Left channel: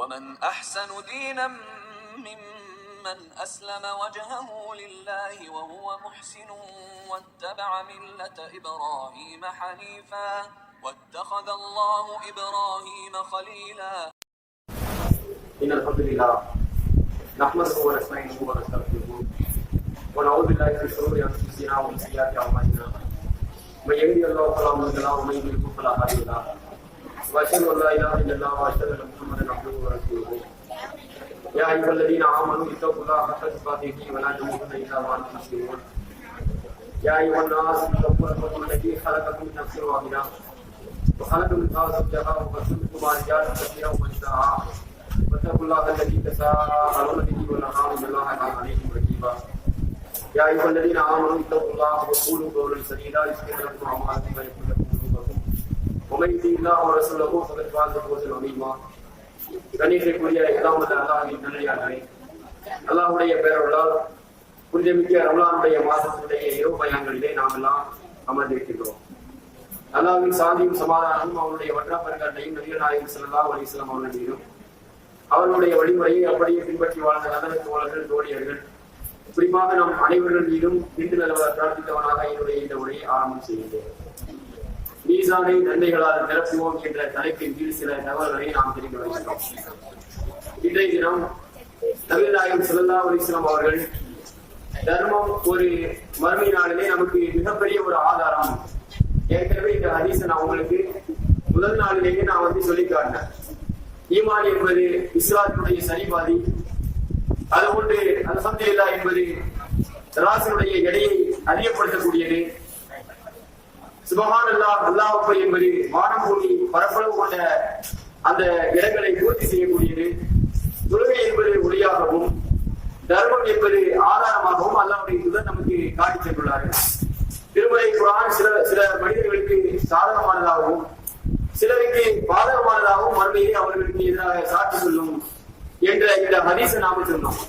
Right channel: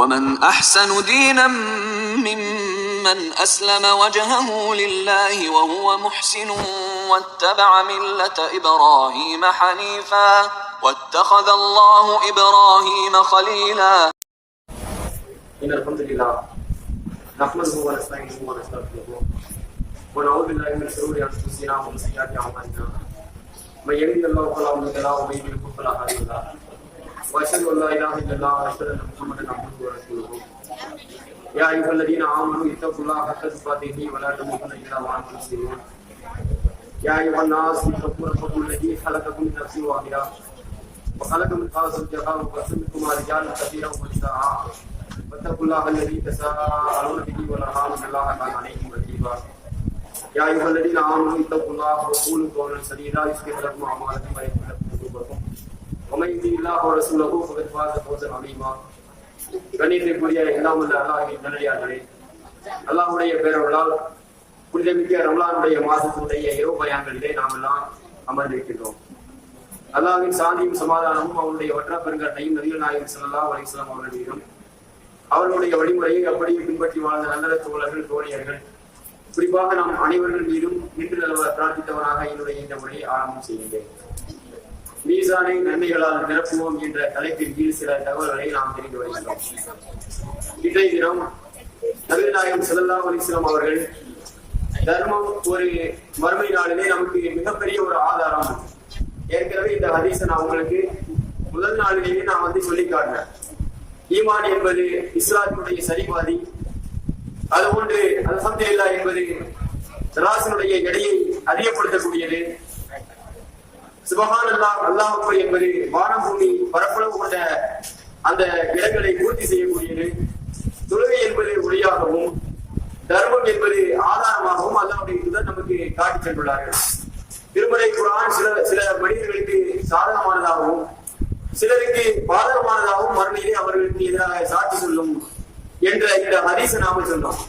ومن أحسن دينا ممن أسلم وجهه لله وهو محسن واتبع ملة إبراهيم حنيفا واتخذ الله إبراهيم خليلا. إن الحمد لله نحمده ونستعينه ونستغفره ونعوذ بالله من شرور أنفسنا ومن سيئات أعمالنا من يهده الله فلا مضل له ومن يضلل فلا هادي له وأشهد أن لا إله إلا الله وأشهد أن محمدا عبده ورسوله. يا أيها الذين آمنوا اتقوا الله حق تقاته ولا تموتن إلا وأنتم مسلمون. يا أيها الناس اتقوا ربكم الذي خلقكم من نفس واحدة وخلق منها زوجها وبث منهما رجالا كثيرا ونساء واتقوا الله الذي تساءلون به والأرحام إن الله كان عليكم رقيبا. يا أيها الذين آمنوا اتقوا الله وقولوا قولا سديدا يصلح لكم أعمالكم ويغفر لكم ذنوبكم ومن يطع الله ورسوله فقد فاز فوزا عظيما. கண்ணியத்திற்குரிய எல்லாம் உள்ள அல்லாஹ்வின் நல்லடியார்களே, அல்லாஹ்வுடைய பேரருளால் புனிதமிக்க ரமலானுடைய மாதத்தினுடைய இரவு பயான்களிலே நாம் எல்லாம் அமர்ந்திருக்கின்றோம். அல்லாஹ்வின் சாந்தியும் சமாதானமும் அவருடைய வற்றா பெருங்கட்டையும் நபிகள் நாயகம் ஸல்லல்லாஹு அலைஹி வஸல்லம் அவர்களிலும் அவர்களுடைய வழிமுறையை அப்படியே பின்பற்றி வாழ்ந்த நல்ல தோழர்கள் தோழியர்கள் குறிப்பாக நாம் அனைவர்கள் மீதும் நின்று நலவ பிரார்த்தித்தவனாக என்னுடைய இந்த உரையை ஆரம்பம் செய்கின்றேன். மீசானை நன்மைகளால் நிரப்புவோம் என்ற தலைப்பின் கீழ் சில தகவல்களை நாம் தெரிந்து வருகிறோம். இன்றைய தினம் நபிகள் நாயகம் ஸல்லல்லாஹு அலைஹி வஸல்லம் அவர்கள் தர்மம் ஒரு மறுமை நாளிலே நமக்கு மிகப்பெரிய ஒரு ஆதாரம். ஏற்கனவே இந்த ஹதீஸை நான் உங்களுக்கு முதல் நாளிலேயே நான் சொல்லி காட்டினேன். ஈமான் என்பது இஸ்லாத்தினுடைய சரிபாதி, அதுபோன்று அல்ஹம்துலில்லாஹ் என்பது தராசினுடைய எடையை அறியப்படுத்தக்கூடியது. சுப்ஹானல்லாஹ் அல்லாஹ் அக்பர் என்பது வானம் பூமி பரப்பளவு கொண்ட அந்த இடங்களை பூர்த்தி செய்யக்கூடியது. தொழுகை என்பது ஒளியாகவும் தர்மம் என்பது ஆதாரமாகவும் அல்லாஹ்வுடைய தூதர் நமக்கு காட்டி சென்றுள்ளார்கள். திருமறை குர்ஆன் சில மனிதர்களுக்கு சாதகமானதாகவும் சிலருக்கு பாதகமானதாகவும் மறுமையிலே அவர்களுக்கு எதிராக சாட்சி சொல்லும் என்ற இந்த ஹதீஸை நாம சொன்னோம்.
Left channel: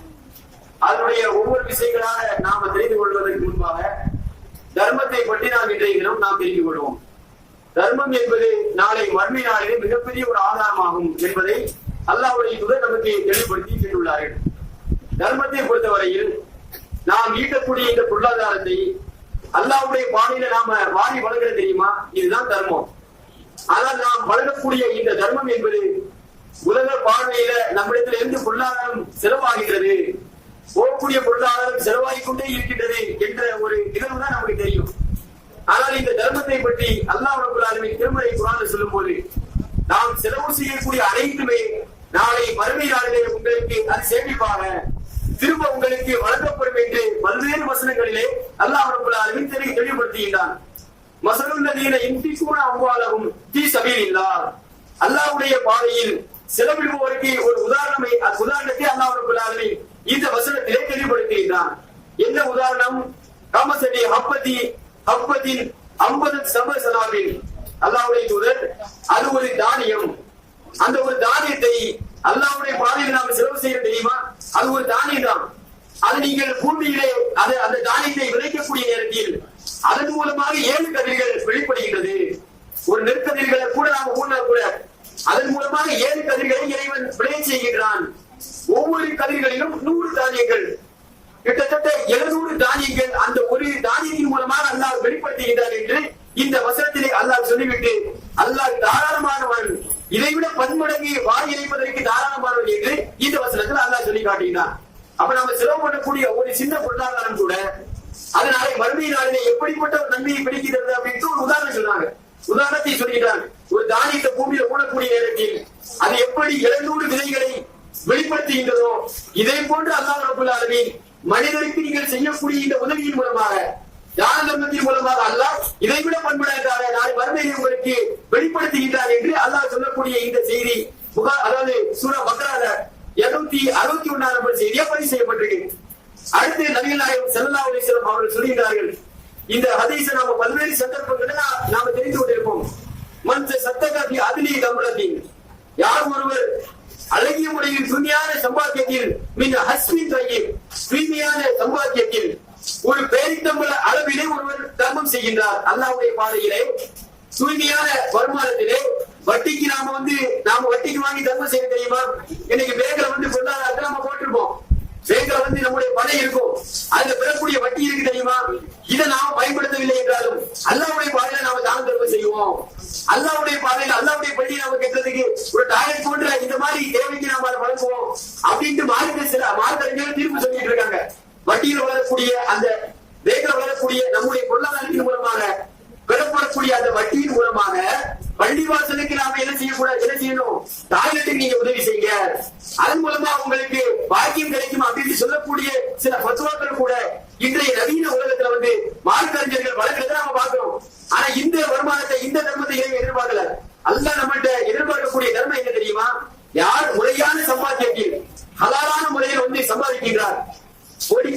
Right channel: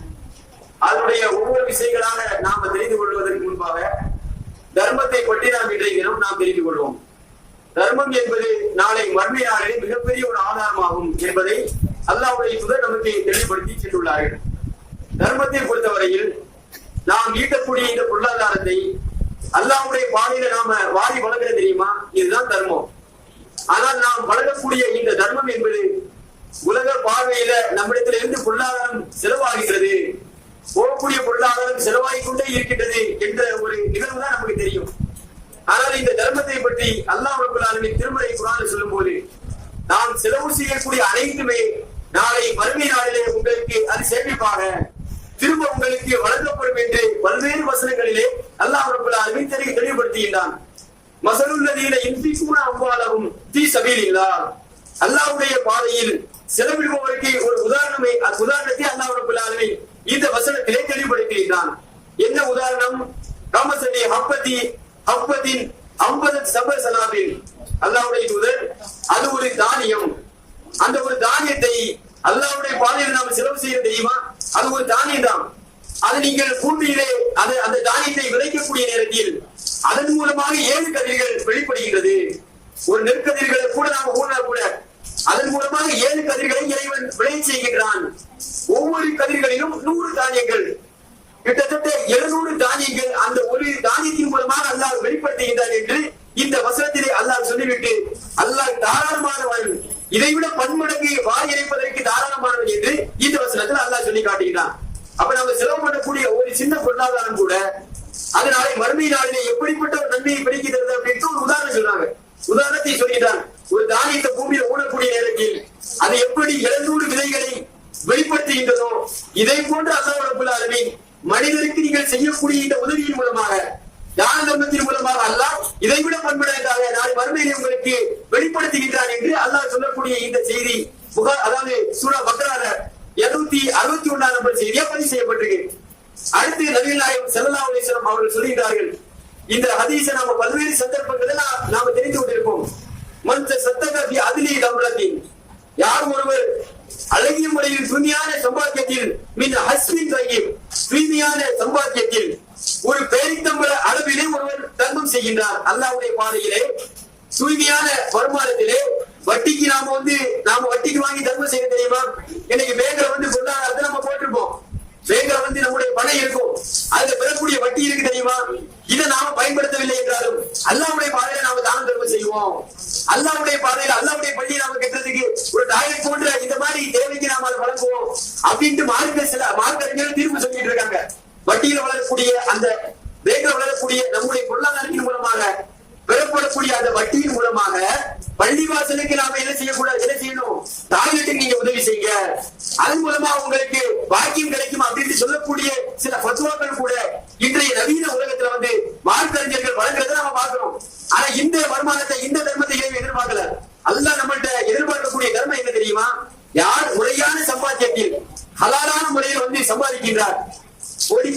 அதனுடைய ஒவ்வொரு விஷயங்களாக நாம தெரிந்து கொள்வதற்கு முன்பாக தர்மத்தை பற்றி நாம் இன்றைய தினம் நாம் தெரிந்து கொள்வோம். தர்மம் என்பது நாளை மறுமை நாளிலே மிகப்பெரிய ஒரு ஆதாரமாகும் என்பதை அல்லாஹ்வுடைய தூதர் நமக்கு தெளிவுபடுத்தி சென்றுள்ளார்கள். தர்மத்தை பொறுத்தவரையில் நாம் ஈட்டக்கூடிய இந்த பொருளாதாரத்தை அல்லாஹ்வுடைய பாதையில நாம வாரி வழங்குறது தெரியுமா? இதுதான் தர்மம். ஆனால் நாம் வழங்கக்கூடிய இந்த தர்மம் என்பது உலக பார்வையில நம்மிடத்தில் இருந்து பொருளாதாரம் செலவாகின்றது, போகக்கூடிய பொருளாதாரம் செலவாகிக் கொண்டே இருக்கின்றது என்ற ஒரு நிகழ்வு தான் நமக்கு தெரியும். ஆனால் இந்த தர்மத்தை பற்றி அல்லாஹ் ரப்பல் ஆலமீன் திருமறை குர்ஆனில் சொல்லும் போது நாம் செலவு செய்யக்கூடிய அனைத்துமே நாளை மறுமை நாளிலே உங்களுக்கு அது சேமிப்பாக திரும்ப உங்களுக்கு வழங்கப்படும் என்று பல்வேறு வசனங்களிலே அல்லாஹ் ரப்பல் ஆலமீன் தெளிவுபடுத்துகின்றான். மஸலுல்லதீன யுன்ஃபிகூன அம்வாலஹும் ஃபீ ஸபீலில்லாஹ், அல்லாஹ்வுடைய பாதையில் செலவிடுபவருக்கு ஒரு உதாரணத்தை அல்லாஹ் ரப்பல் ஆலமீன் இந்த வசனத்திலே தெளிவுபடுத்துகின்றான். என்ன உதாரணம்? கமஸலி ஹப்பத்தின் 50 சப சனாபில், அல்லாஹ்வுடைய தூதர் அது ஒரு தானியம். அந்த ஒரு தானியத்தை அல்லாஹ்வுடைய பாதையில் நாம் செலவு செய்ய தெரியுமா? அது ஒரு தானியம் தான். அது நீங்கள் பூமியிலே அந்த தானியத்தை விளைக்கக்கூடிய நேரத்தில் அதன் மூலமாக 7 கதிர்கள் வெளிப்படுகின்றது. ஒரு நெற்கதிர்களை கூட நாம் ஊனா கூட அதன் மூலமாக 7 கதிர்களை இறைவன் விளைய செய்கின்றான். ஒவ்வொரு கதிர்களிலும் 100 தானியங்கள், கிட்டத்தட்ட 700 தானியங்கள் அந்த ஒரு தானியத்தின் மூலமாக அல்லாஹ் வெளிப்படுத்துகின்றான் என்று இந்த வசனத்திலே அல்லாஹ் சொல்லிவிட்டு அல்லாஹ் தாராளமானவன், இதைவிட பன்மடங்கு வாரி இறைப்பதற்கு தாராளமானவன் என்று இந்த வசனத்தில் அல்லாஹ் சொல்லி காட்டுகிறான். அப்ப நம்ம செலவு பண்ணக்கூடிய ஒரு சின்ன பொருளாதாரம் கூட அதனால மறுமை நாளிலே எப்படிப்பட்ட ஒரு நன்மையை கிடைக்கிறது அப்படின்னு ஒரு உதாரணம் சொன்னாங்க. உதாரணத்தை சொல்கிறான். ஒரு தானியத்தை பூமியில ஊனக்கூடிய நேரத்தில் அது எப்படி 700 விதைகளை வெளிப்படுத்துகின்றதோ இதை போன்று அல்லாஹ் ரப்பல் ஆலமீன் மனிதருக்கு நீங்கள் செய்யக்கூடிய இந்த உதவியின் மூலமாக, தான தர்மத்தின் மூலமாக அல்லாஹ் இதைவிட பன்மடங்காக நாளை மறுமையிலே உங்களுக்கு வெளிப்படுத்துகின்றான் என்று அல்லாஹ் சொல்லக்கூடிய இந்த செய்தி அதாவது சூரா பக்ரால 261 நம்பர் செய்தியா பதிவு செய்யப்பட்டிருக்கு. அடுத்து நபிகள் நாயகம் ஸல்லல்லாஹு அலைஹி வஸல்லம் அவர்கள் சொல்கிறார்கள். இந்த ஹதீஸை நாம பல்வேறு சந்தர்ப்பங்களில் நாம தெரிந்து கொண்டிருப்போம். மன் தஸத்தக ஃபி அத்லி தம்ரத்தின், யார் ஒருவர் அழகிய முறையில் தூய்மையான சம்பாத்தியத்தில் மின் ஹஸ்பின் தய்யிப், தூய்மையான சம்பாத்தியத்தில் ஒரு பேரித்தம்பள அளவிலே ஒருவர் தர்மம் செய்கின்றார். அல்லாஹ்வுடைய பாதையிலே தூய்மையான வருமானத்திலே வட்டிக்கு நாம வட்டிக்கு வாங்கி தர்மம் செய்ய தெரியுமா? இன்னைக்கு பேங்க்ல பொருளாதாரத்தை நம்ம போட்டிருப்போம். பேங்க்ல நம்முடைய பணம் இருக்கும், அதுல பெறக்கூடிய வட்டி இருக்கு தெரியுமா? இதை நாம பயன்படுத்தவில்லை என்றாலும் அல்லாஹ்வுடைய பாதையில நாம தானம் தர்மம் செய்வோம். அல்லாஹ்வுடைய பாதையில அல்லாஹ்வுடைய பள்ளியை நாம கட்டுறதுக்கு ஒரு டாய்லெட் போன்ற இந்த மாதிரி தேவைக்கு நாம அதை வழங்குவோம் அப்படின்ட்டு மார்க்கறிஞர்கள் தீர்ப்பு சொல்லிட்டு இருக்காங்க. வட்டியில் வளரக்கூடிய அந்த பேங்க்ல வளரக்கூடிய நம்முடைய பொருளாதாரத்தின் மூலமாக பெறப்படக்கூடிய அந்த வட்டியின் மூலமாக பள்ளிவாசலுக்கு நாம என்ன செய்யணும்? டாய்லெட்டுக்கு நீங்க உதவி செய்யுங்க, அதன் மூலமா உங்களுக்கு பாக்கியம் கிடைக்கும் அப்படின்னு சொல்லக்கூடிய சில பத்துவாக்கள் கூட இன்றைய நவீன உலகத்துல மார்க்கறிஞர்கள் வழங்குறத நாம பார்க்கிறோம். ஆனா இந்த வருமானத்தை, இந்த தர்மத்தை எதிர்பார்க்கல. அல்லாஹ் நம்மள்ட்ட எதிர்பார்க்கக்கூடிய தர்மம் என்ன தெரியுமா? யார் முறையான சம்பாத்தியத்தில் ஹலாலான முறையில் சம்பாதிக்கின்றார்,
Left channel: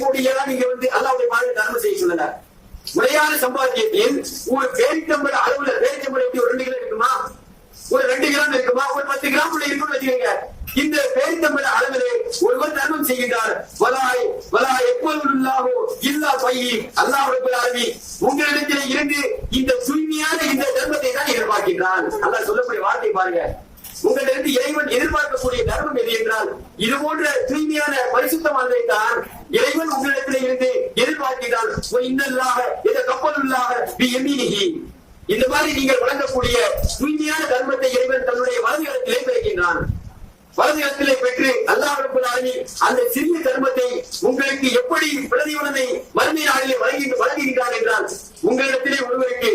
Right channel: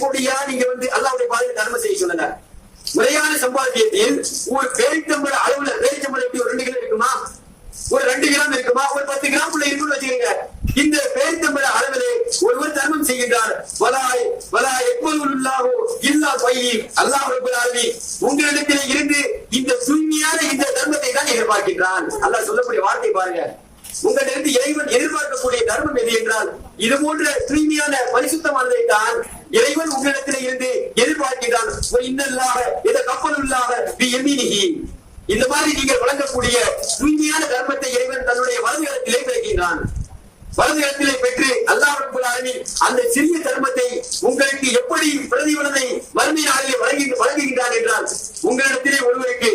கோடியா நீங்க அல்லாஹ்வுடைய பாதையில் தர்மம் செய்ய சொல்லல. முறையான சம்பாத்தியத்தில் ஒரு பேரிச்சம்பள அளவுல, பேரிச்சம்பளம் எப்படி ஒரு 2 கிலோ இருக்குமா, ஒரு 2 கிராம் இருக்குமா, ஒரு 10 கிராம் இருக்குன்னு வச்சுக்கோங்க. இந்த பேரிச்சம்பள அளவிலே ஒருவர் தர்மம் செய்கின்றார். அல்லாஹ் ரப்பல் ஆலமீன் உங்களிடத்திலே இருந்து இந்த தூய்மையான இந்த தர்மத்தை தான் எதிர்பார்க்கின்றான். அல்லாஹ் சொல்லக்கூடிய வார்த்தை பாருங்க. உங்களிடத்து இறைவன் எதிர்பார்க்கக்கூடிய தர்மம் எது என்றால் இது போன்ற தூய்மையான பரிசுத்தமானதை தான் இறைவன் உங்களிடத்திலே இருந்து எதிர்பார்க்கிறான். இந்த மாதிரி நீங்கள் வழங்கக்கூடிய தூய்மையான தர்மத்தை இறைவன் தன்னுடைய வலதுகரத்திலே பெறுகின்றான். வலதுகரத்திலே பெற்று அல்லாஹ் ரப்பல் ஆலமீன் அந்த சிறிய தர்மத்தை உங்களுக்கு எப்படி பிரதிபலனை மறுமை நாளிலே வழங்குகின்றான் என்றால், உங்களிடத்திலே ஒருவருக்கு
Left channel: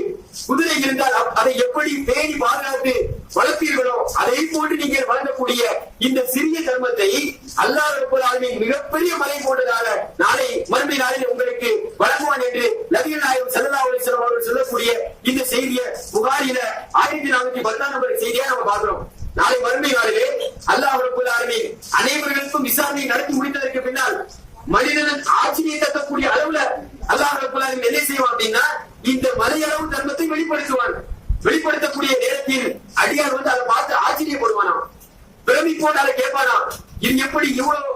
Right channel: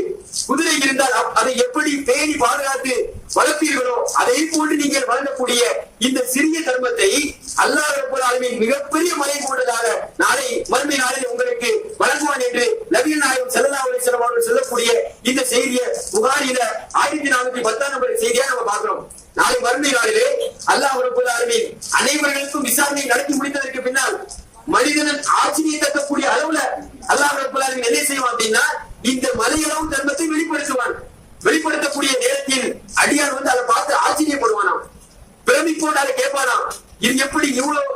குதிரை இருந்தால் அதை எப்படி பேணி பாதுகாத்து வளர்ப்பீர்களோ அதை போன்று நீங்கள் வழங்கக்கூடிய இந்த சிறிய தர்மத்தை அல்லாஹ் ரப்பல் ஆலமீன் மிகப்பெரிய மலை போன்றதாக நாளை மறுமை நாளிலே உங்களுக்கு வழங்குவான் என்று நபிகள் நாயகம் ஸல்லல்லாஹு அலைஹி வஸல்லம் அவர்கள் சொல்லக்கூடிய இந்த செய்தியை புகாரில 1410 நம்பர் செய்தியா நம்ம பார்க்கிறோம். நாளை மறுமை நாளிலே அல்லாஹ் ரப்பல் ஆலமீன் அனைவர்களுக்கும் விசாரணை நடத்தி முடித்ததற்கு பின்னால் மனிதன் ஆட்சியை தட்டக்கூடிய அளவுல அல்லாஹ் ரப்பல் ஆலமீன் என்ன செய்வான் அப்படின்னா, இந்த மலையளவு தர்மத்தை வெளிப்படுத்துவான். வெளிப்படுத்தக்கூடிய நேரத்தில் அடியார் அதை பார்த்து ஆச்சரியப்படுவானாம், பிரமிப்போடு அதை கேட்பானாம், இது எப்படி இவ்வளவு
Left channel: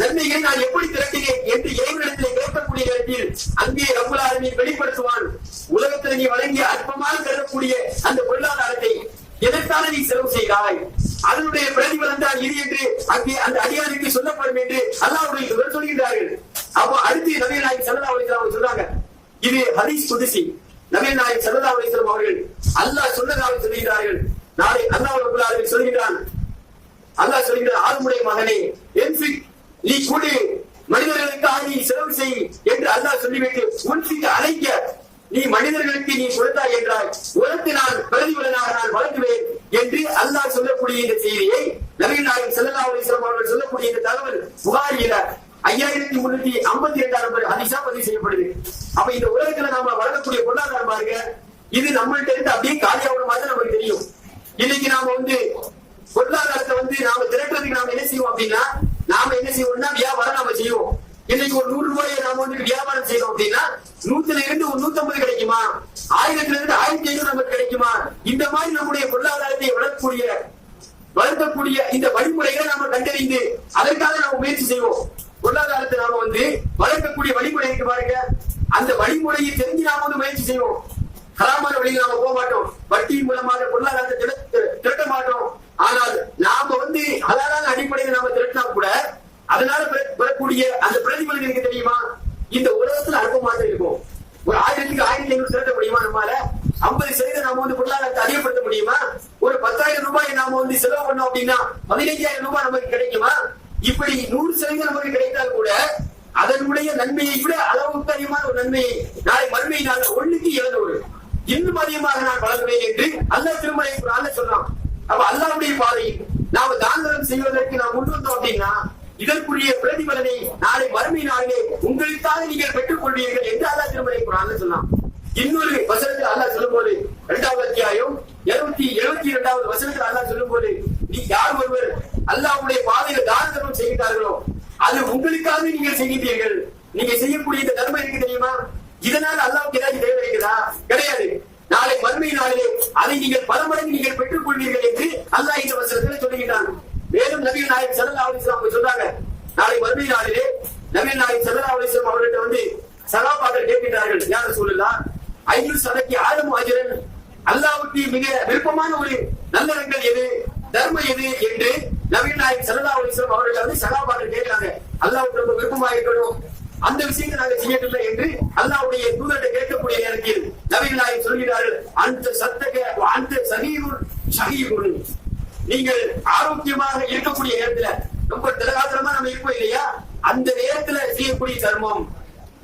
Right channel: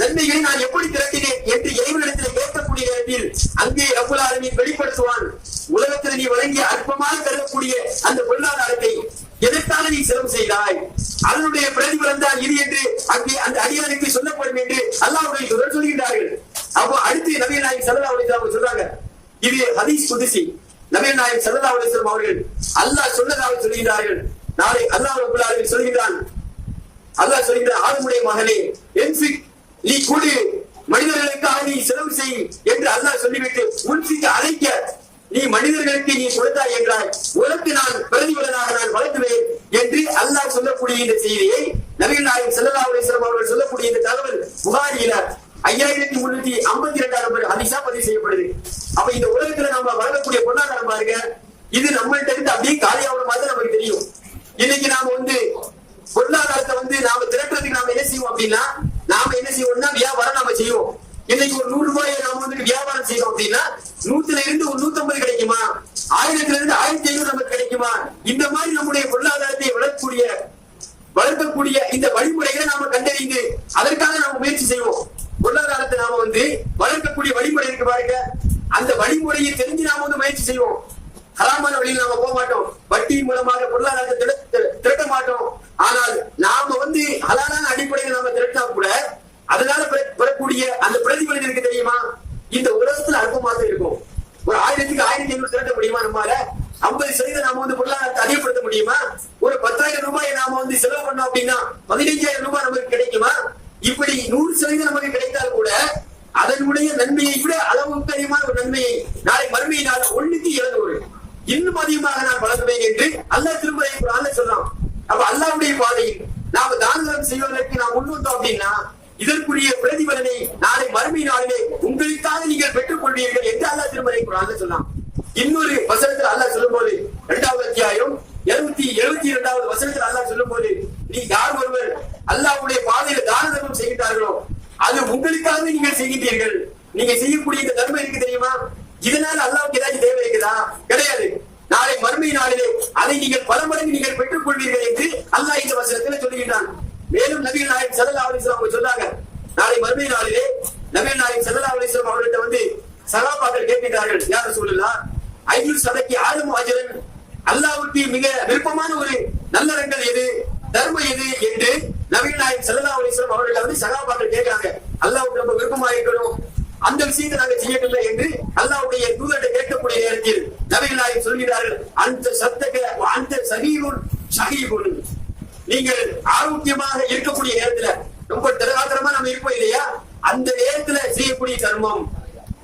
நன்மைகளை நான் எப்படி திரட்டினேன் என்று இறைவனிடத்தில் கேட்கக்கூடிய நேரத்தில் அங்கே ரப்பல் ஆலமீன் வெளிப்படுத்துவான். உலகத்தில் நீ வழங்கிய அற்பமாக கருதக்கூடிய அந்த பொருளாதாரத்தை எதற்காக நீ செலவு செய்தாய், அதனுடைய பிரதிபலன் தான் இது என்று அங்கே அந்த அடியாருக்கு சொல்லப்படும் என்று அல்லாஹ்வுடைய தூதர் சொல்கிறார்கள். அப்போ அடுத்து நபிகள் நாயகம் ஸல்லல்லாஹு அலைஹி வஸல்லம் சொல்றாங்க, இது ஹதீஸ் குத்ஸி. நபிகள் நாயகம் ஸல்லல்லாஹு அலைஹி வஸல்லம் அவர்கள் அல்லாஹ் சொன்னதாக சொல்கிறார்கள். நாளை அல்லாஹ் ரப்பல் ஆலமீன் சொல்கிறான், அல்லாஹ் சொல்கிறான், ஆதமுடைய மகனே நீ கொடு, மனிதர்களுக்காக நீ செலவு செய் என்று அல்லாஹ் சொல்லிவிட்டு உன்சிக்கு அழைக்க நீ மனிதர்களுக்கு நீ கொடுத்தாய் என்றால் உனக்கு நான் பிரதிபலனாக நான் வழங்குவேன் என்று அல்லாஹ் சொல்லக்கூடிய இந்த செய்தியை நபிகள் நாயகம் ஸல்லல்லாஹு அலைஹி வஸல்லம் அவர்கள் சொல்லக்கூடிய இந்த தகவல் புகாரியில 5352 நம்பர் ஹதீஸா பதிவு செய்யப்படுது. அப்ப இந்த உலகத்துல நாம வழங்கக்கூடிய பொருளாதாரம் பாருங்க, இது நம்மள்ட்ட இருந்து அப்படியே காலியாகிற மாதிரி நமக்கு தெரியும். இன்னைக்கு நாம பொருளாதாரத்தை நாம திரட்டுறதுக்கு நாம என்ன செய்வோம் அப்படின்னா, நாம என்ன செய்வோம்னா வியாபாரம் நாம செய்வோம். இன்னைக்கு ஒரு 100 ரூபாயை நாம வியாபாரம் செய்யறோம் அப்படின்னா 100ல இருந்து ஒரு 150 கிடைக்குமா, 1000ல இருந்து 1500 நமக்கு கிடைக்குமா? இந்த மாதிரி நம்முடைய பொருளாதாரத்தை வளர்க்கக்கூடிய இந்த வழிமுறைகளை நாம கண்டறிந்து அதற்காக நாம முயற்சி செய்வோம். பொருளாதாரத்தை நாம வளர்க்கக்கூடிய வழிமுறை இருக்கு பாருங்க, அந்த வழிமுறையை தெரிஞ்சு நாம முயற்சி செய்வோம். ஹராமான வழியில் நாம போக மாட்டோம், வட்டியின் மூலமாக பொருளாதாரத்தை திரட்ட மாட்டோம். ஆனால் நாம ஹலாலான அடிப்படையில் நாம திரட்டினா கூட அதனால பெறக்கூடிய அந்த பிரதிபலன் இருக்கு தெரியுமா? இந்த உலகத்துல அற்பமாக இருக்கும். ஒரு 1000க்கு 1500 திரட்ட முடியுமா? நம்மால 50% நாம பொருளாதாரத்தை அதிகப்படுத்த முடியுமா? ஒரு 10,000 ரூபாய் நாம செலவு பண்ணோம் அப்படின்னா 15,000 ரூபாய் நமக்கு கிடைக்குமா? இப்படி 100% நமக்கு கிடைத்தால் கூட அதனுடைய நன்மையை விட அளவுக்கு அதிகமான ஒரு நன்மையை நாளை மறுமை நாள் 1க்கு 700 இன்னும் அதிகமாக நான் வழங்குவேன் என்று அல்லாஹ் திருமறை குர்ஆன்ல சொல்றான். அப்ப அல்லாஹ்வுடைய பாதையில் நாம தானம் செய்வதற்கு நாம் முன் வந்தோம் அப்படின்னா இதற்குரிய பிரதிபலனை நாளை மறுமை நாளிலே உங்களுக்காக நீங்கள் பெற்றுக் கொள்வீர்கள் என்று அல்லாஹ் திருமறை குர்ஆன்ல சொன்னான். இன்னொரு வசனத்தில் அல்லாஹ் சொல்லும்போது 2வது அத்தியாயம் 272வது வசனத்தில் அல்லாஹ் சொல்லும்போது, நீ யார் ஒருவர் அல்லாஹ்வுடைய பாதையில தான தர்மம் செய்கிறார்களோ அது உங்களுக்காக நீங்கள் செய்கின்றீர்கள். நீங்க செய்யக்கூடிய இந்த தர்மம் இருக்கு தெரியுமா, இதனால அல்லாஹ்வுக்கு ஏதாவது தேவை இருக்குதா? கிடையாது. நாளை மறுமை நாளிலே அதை நீங்கள் பல மடங்கு நீங்கள் பெற்றுக் கொள்வீர்கள் என்று அல்லாஹ் இந்த வசனத்தில் சொல்லுகிறான். மேலும் நபிகள் நாயகம் ஸல்லல்லாஹு அலைஹி வஸல்லம் சொன்னாங்க, நாளை மறுமை நாளிலே நபிகள் நாயகம் ஸல்லல்லாஹு அலைஹி வஸல்லம் அவர்கிட்ட சஹாபாக்கள் கேட்கிறார்கள், யா ரசூலுல்லாஹ், ஐயுல் சதகி ஆலம் அஜ்ரன், அல்லாஹ்வுக்கு மிக விருப்பமான ஒரு நல்லறங்கள் எது, தர்மம் எது என்று நபிகள் நாயகம் ஸல்லல்லாஹு அலைஹி வஸல்லம் அவர்கள் வந்து சஹாபாக்கள் கேட்கிறாங்க. அல்லாஹ்வுக்கு ரொம்ப விருப்பமா இருக்கணும், அந்த விஷயத்தை நாங்க செய்யவில்லை என்று அல்லாஹ்வுடைய தூதர்கிட்ட கேட்கக்கூடிய நேரத்தில் நபிகள் நாயகம் சொல்கிறார்கள், அந்த சத்தக அந்த சஹீஹுன் ஷஹீஹுன், நீங்கள் ஆரோக்கியமாக இருக்கக்கூடிய நேரத்துல ரொம்ப திடகாத்திரமா நம்ம இருப்போம் இல்லையா, அந்த நேரத்துல செய்யக்கூடிய தர்மம்,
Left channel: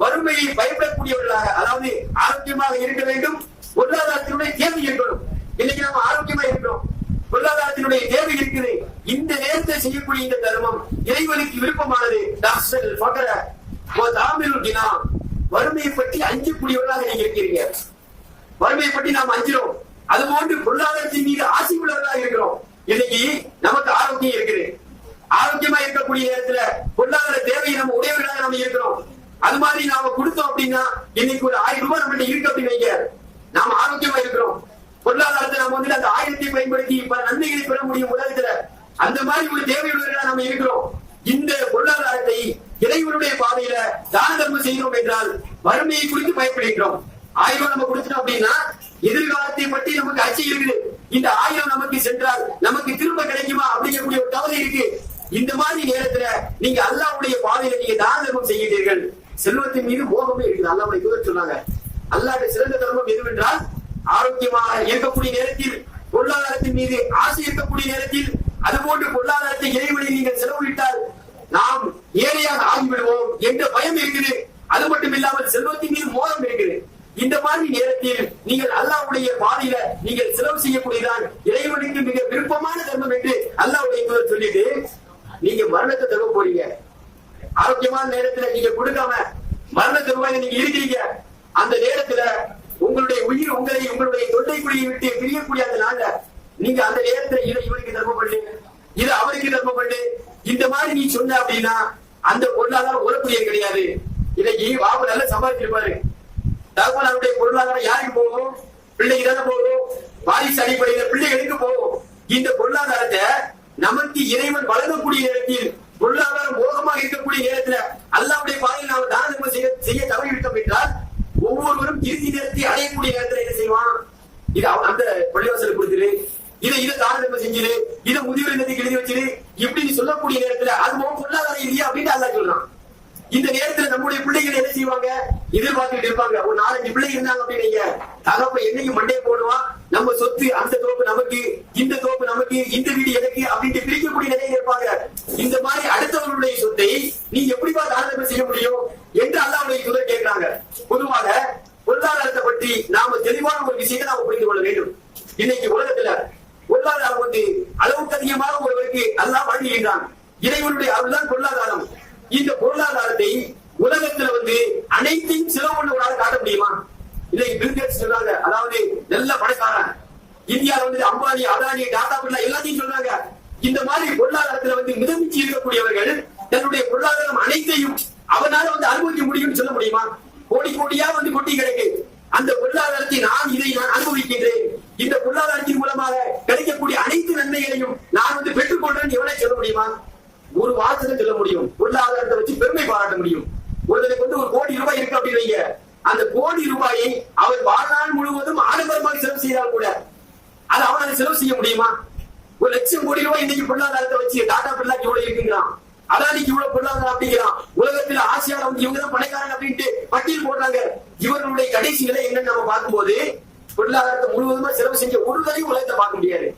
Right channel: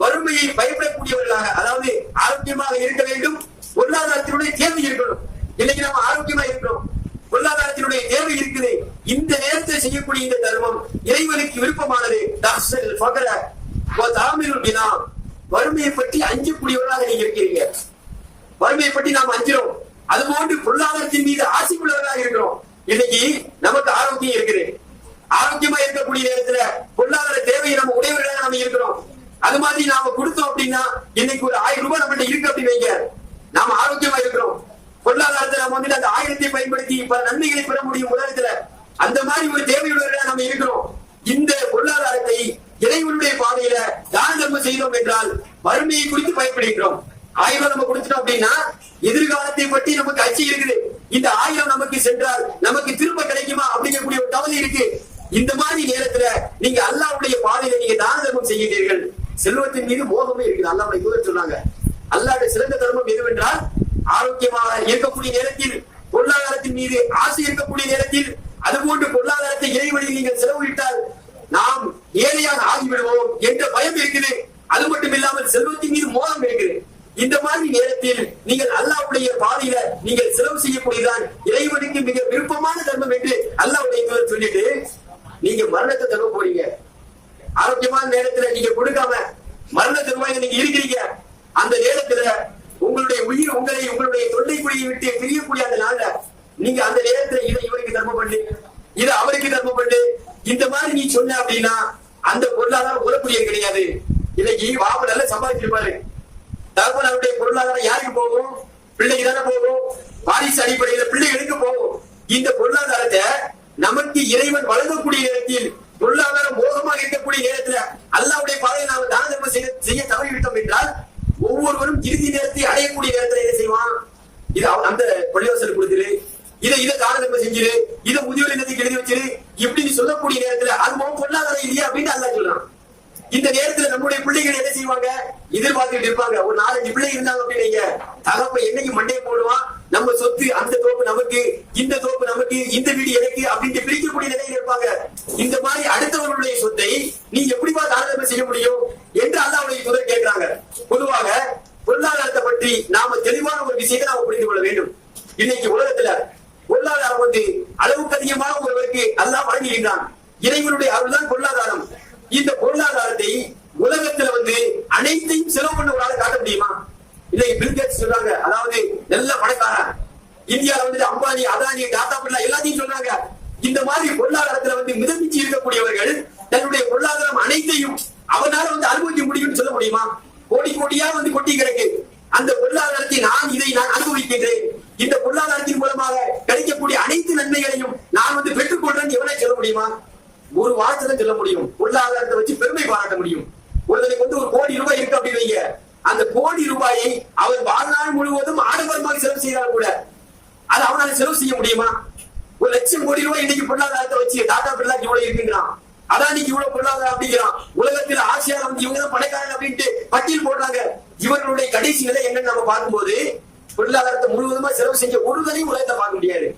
வறுமையை பயப்படக்கூடியவர்களாக, அதாவது ஆரோக்கியமாக இருக்க வேண்டும், பொருளாதாரத்தினுடைய தேவை இருக்கணும். இன்னைக்கு நம்ம ஆரோக்கியமா இருக்கிறோம், பொருளாதாரத்தினுடைய தேவை இருக்குது, இந்த நேரத்தை செய்யக்கூடிய இந்த தர்மம் இறைவனுக்கு விருப்பமானது. வறுமையை பற்றி அஞ்சக்கூடியவர்களாக நீங்க இருக்கிறீங்க, வறுமையை பற்றி நாம் அஞ்சிரோம், அதுபோன்று பொருளாதாரத்தின் மீது ஆசை உள்ளவர்களாக இருக்கிறோம். இன்னைக்கு நமக்கு ஆரோக்கியம் இருக்குது, ஆரோக்கியமா இருக்கக்கூடிய நேரத்துல பொருளாதார தேவையை நம்ம உடையவர்களாக நம்ம இருக்கிறோம். அது மாதிரி நாம கொடுத்தோம் அப்படின்னா இன்னைக்கு ஒரு 1000 ரூபாய் நம்ம இருக்கு அப்படின்னு வைங்க, நாம ஆரோக்கியமா இருக்கிறோம், பொருளாதாரத்தை நம்ம வந்து அந்த 1000 பயன்படுத்தி பல நன்மைகளை பெற முடியும் உலகத்துல, அந்த மாதிரி ஒரு தேவையுள்ளவர்களாக நம்ம இருக்கிறோம். இந்த பொருளாதாரத்தை இறைவனுடைய பாதையில தான தர்மம் செய்தோம் என்றால் வறுமையை குறித்து பயப்படுகிறோம். 1000 ரூபாய் நம்ம கொடுத்துட்டோம் அப்படின்னா எதிர்காலத்தை பற்றி நமக்கு அச்சம் இருக்குது, இந்த 1000 நமக்கு சென்றால் நமக்கு திரும்ப கிடைக்குமா அப்படிங்கக்கூடிய ஒரு கவலை இருக்கு. இந்த மாதிரி நேரத்துல நீங்க அல்லாஹ்வுடைய பாதையில நீங்க தான தர்மம் செய்கிறீர்கள், செல்வத்தின் மீது மோகமே இருக்குது. அல்லாஹ்வுடைய தூதர் சொன்னாங்க, அல்லாஹ்வுடைய சிறந்த தர்மம் எதுவென்றால் ஆரோக்கியமாக இருக்கக்கூடிய நேரத்தில், பொருளாதாரத்தின் மீது ஆசை இருக்கக்கூடிய நேரத்தில், அதுபோன்று பொருளாதாரத்தை இறைவனில் நீங்கள் செலவிட்டால் நாம் ஏழையாக ஆகிவிடுவோம் என்ற பயம் இருக்குது. அது மட்டும் இல்லாமல் செல்வத்தின் மீது மோகம் இருக்குது. இந்த மாதிரி நேரத்தில் நீங்கள் அல்லாஹ்வுடைய பாதையில நீங்கள் செலவு செய்யக்கூடியதான் இறைவனுக்கு மிக விருப்பமான தர்மம் என்று அல்லாஹ்வுடைய தூதர் சொல்லிட்டு, நீங்க மரணத்தை தருவ போறீங்க, ஆரோக்கியமான நேரத்துல நீங்க கொடுக்காம மரண தருவாயில நீங்க இருக்கிறீங்க, அந்த நேரத்துல உங்களுடைய உயிர் உங்களுடைய தொண்டை குழியை விட்டு பிரியக்கூடிய அந்த நாள்ல நீங்க அந்த நேரத்துல இதை இவருக்கு தர்மம் பண்ணு, இது அவருக்கு தர்மம் பண்ணு, இந்த மாதிரி நீ சொன்ன அப்படின்னா அந்த பொருளாதாரம் உறப்புரியது கிடையாது. இன்னைக்கு வாபு நல்லா சம்பாதிச்சிருப்பாரு, தகவலுடைய பொருளாதாரம் யாருக்கு போகும், பிள்ளைக்கு தானே போகும், வாரிசு அடிப்படையில பிள்ளைகளுக்கு போகும். இந்த பொருளாதாரத்தை நமக்கு இறைவன் வழங்கக்கூடிய நேரத்தில், பொருளாதாரம் மோசமாக இருக்கக்கூடிய நேரத்துல அல்லாஹ்வுடைய பாதையில் நாம் தான தர்மம் செய்ய தவறிவிட்டோம் என்றால் ஒவ்வொருவரும் இறுதி நேரத்தை அடையக்கூடிய நேரத்தில் என்ன செய்வான், இது அந்த பள்ளிவாசலுக்கு கொடுத்துரு, இதை தான தர்மம் செஞ்சிரு, இதை முதியோர் இல்லத்துக்கு எழுதி வச்சிரு, இப்படின்னு சொல்லக்கூடிய நேரத்துல அது பொருளாதாரம் இல்லையா அப்படின்னு அல்லாஹ் சொல்றான். இந்த நேரத்துல நம்முடைய பிள்ளைகள் என்ன செய்வாங்க, எதிர்பார்த்துட்டு இருப்பாங்க. ஒரு 4-5 பிள்ளை இருந்தாங்க அப்படின்னீங்க, தகப்ப என்னைக்கு மண்டையை போடுவான், நம்ம சொத்து அந்த தோப்பு நமக்கு, இந்த தோப்பு நமக்கு, இந்த வீடு எனக்கு அப்படின்ட்டு பிரிக்கக்கூடிய நிலையில் இருப்பாங்க. இந்த மாதிரி அடுத்தவர்களுடைய சொத்தை நீ எப்படிப்பா தானம் செய்ய முடியும் என்று அல்லாஹ்வுடைய தூதர் கேட்கிறாங்க. பொதுவாக பொருளாதாரத்தை பற்றி நாம தெளிவான ஒரு விஷயத்தை நாம புரிந்து கொள்ள வேண்டும். இன்னைக்கு உலகத்துல பொருளாதாரம் வந்து அளவுக்கு அதிகமாக ஒருவருக்கு அல்லாஹ் வழங்குகின்றான். இறைவனுடைய அருள்தான் பொருளாதாரம். இந்த பொருளாதாரத்தை உலகத்துல வந்து அனைத்தையும் செலவு பண்ண ஒரு ஆள் காட்ட முடியுமா? இல்லை, பில் கேட்ஸ் சொல்றாங்க, அதாவது நல்ல பணக்காரன், இந்தியாவில வந்து அம்பானி, அதானி, டாடா பிர்லா எல்லாத்தையும் சொல்றாங்க. இந்த மாதிரி பொருளாதாரத்துல வந்து மிதமிச்சு இருக்கக்கூடியவர்கள் தன்னுடைய பொருளாதாரம் அனைத்தையும் அவனால வந்து அனுபவிக்க முடியும்னு சொல்ல முடியுமா? கோடி கோடியா வந்து கொட்டி கிடக்கு, அந்த பொருளாதாரத்தை நான் அனுபவிக்கின்றேன், இந்த பொருளாதாரத்தின் மூலமாக கிடைக்கக்கூடிய அனைத்து நன்மைகளையும் நான் வந்து பெற்றுக் கொள்றேன் எவனை சொல்ல முடியுமா? ஒரு வார்த்தை சொல்ல முடியும், பொருளாதாரத்தை வச்சு பெருமை பாராட்ட முடியும். ஒருத்தனுக்கு வந்து 1 கோடி ரூபாய் இருக்கு அப்படின்னு வைங்க, அந்த கோடி ரூபாயை அவன் வாழ்நாள் முழுவதும் ஆடம்பரமாக செலவு செய்தால் கூட அது அவனால செலவு செய்ய முடியுமா? 1 லட்சம் கோடி ரூபாய் இன்னைக்கு பொருளாதாரத்தை வச்சு டாடா பிர்லா இவ்வளவு இருக்குங்கிறான், அதானிக்கு இவ்வளவு பொருளாதாரம் அப்படிங்கிறான், உலகத்தில் ஆசியால வந்து இவங்கதான் பணக்காரங்க அப்படின்ட்டு பட்டியல் போடுறாங்க. இவர்களுடைய கடைசி நிலை என்னன்னு நம்ம பார்க்கும்போது பொருளாதாரத்தை முழுவதுமா செலவு செஞ்ச ஒரு தனி உலகத்தை பார்க்க முடியாது.